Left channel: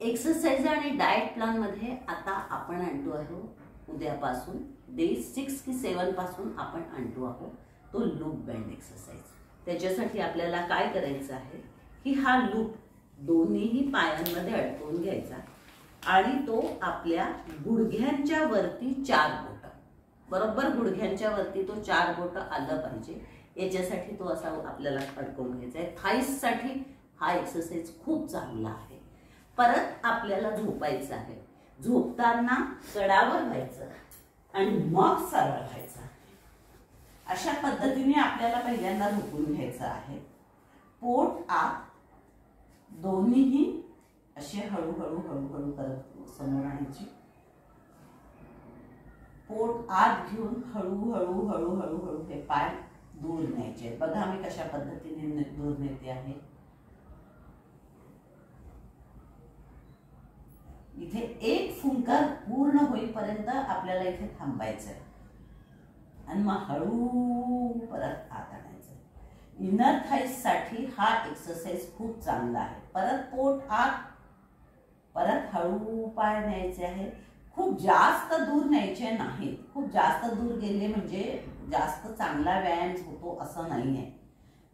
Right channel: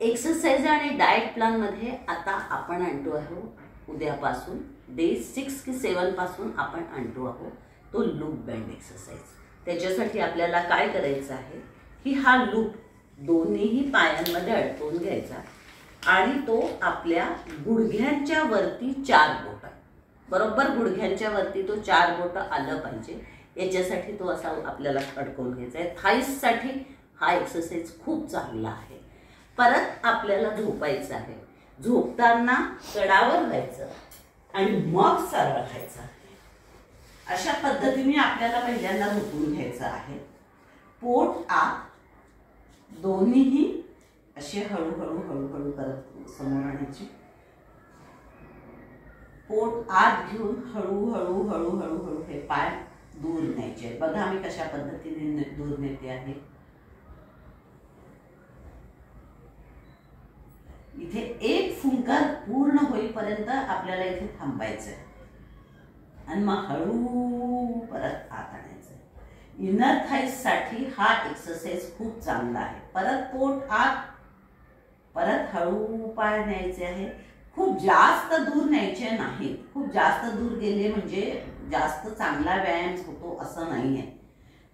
Exercise आणि diet plan मध्ये आता आपण आणतो आहोत उद्यापासून डे 6 की 7 पासून आपण आणतो आहोत तो लूप बँड एक्सरसाइज। त्याच्यासाठी आपल्याला काय करायचं आहे की हा लूप दोन्ही पायांमध्ये अडकवून घ्यायचा आणि तो आपल्या गुडघ्यांच्या वरती 4 बोट बरोबर गुडघ्यांच्या वरती तो 4 बोट आलं पाहिजे। याच्यासाठी तो असा आपल्याला अडकवून घ्यायचा आहे। थाईज साठी हा एक्सरसाइज खूप चांगला आहे। परत आपल्याला झोपायचं आहे। झोपताना कडावर व्हायचं आणि मग सरळ व्हायचं। अशा पद्धतीने आपल्याला पहिल्यांदा झोपून घ्यायचं आहे। पोट आत दोन्हीही असे हळूहळू हळूहळू करत समोर आणायचे। पोट आत घेऊन हळूहळू हळूहळू हळू हे पाय दूर न्यायचे। बघा मी कशा पद्धतीने दूर नेते आहे। इथे एक फुंकर पूर्ण होईपर्यंत आपल्याला इथे थांबायचं आहे आणि मग हळू परत आत आणायचं। इनर थाईज साठी हा एक्सरसाइज खूप चांगला आहे। परत पोट आत परत हळू पाय न्यायचे आहे। खूप जास्त दूर न्यायचे नाही। खूप जास्त दूर गेले म्हणजे जास्त चांगला व्यायाम होतो असं नाहीये।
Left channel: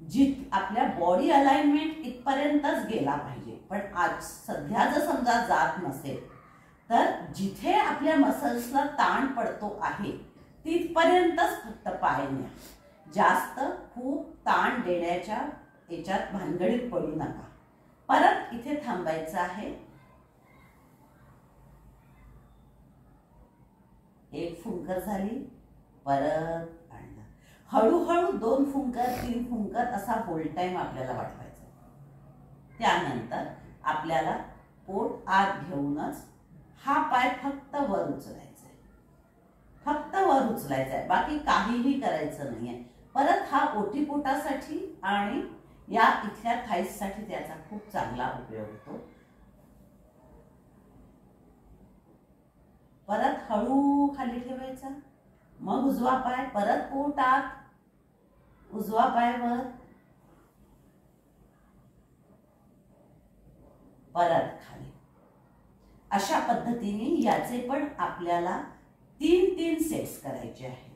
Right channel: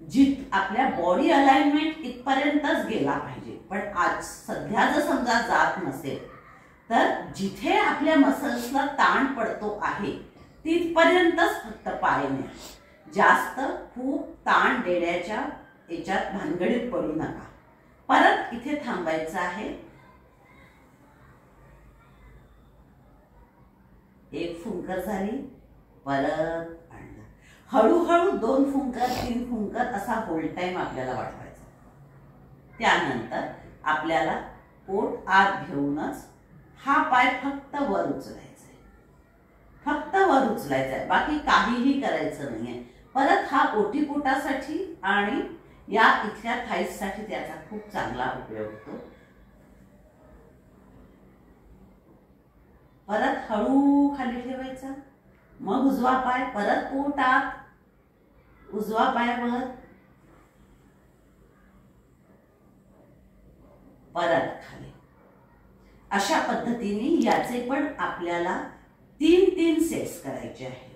जित आपल्या बॉडी अलाइनमेंट इथपर्यंतच गेला पाहिजे। पण आज सध्या जर समजा जात नसेल तर जिथे आपल्या मसल्सला ताण पडतो आहे तिथपर्यंतच फक्त पाय न्या। जास्त खूप ताण देण्याच्या याच्यात भानगडीत पडू नका। परत इथे थांबायचं आहे। एक फुंकर झाली परत आणलं। हळूहळू 2 फुंकर 3 फुंकर असा होल्ड टाइम आपल्याला वाढवायचा। त्यानंतर आपल्याला पोट आत घेऊनच हा पाय फक्त वर उचलायचा आहे। फक्त वर उचलायचा आहे, बाकी काहीही करायचं नाहीये। परत हा ओटीपोटासाठी आणि या इथल्या थाईज साठी त्याचा खूप चांगला उपयोग होतो। परत हळू खाली ठेवायचा। मग उजवा पाय परत पोट आत, उजवा पाय वर, परत खाली। अशा पद्धतीने याचे पण आपल्याला 3 सेट्स करायचे आहेत।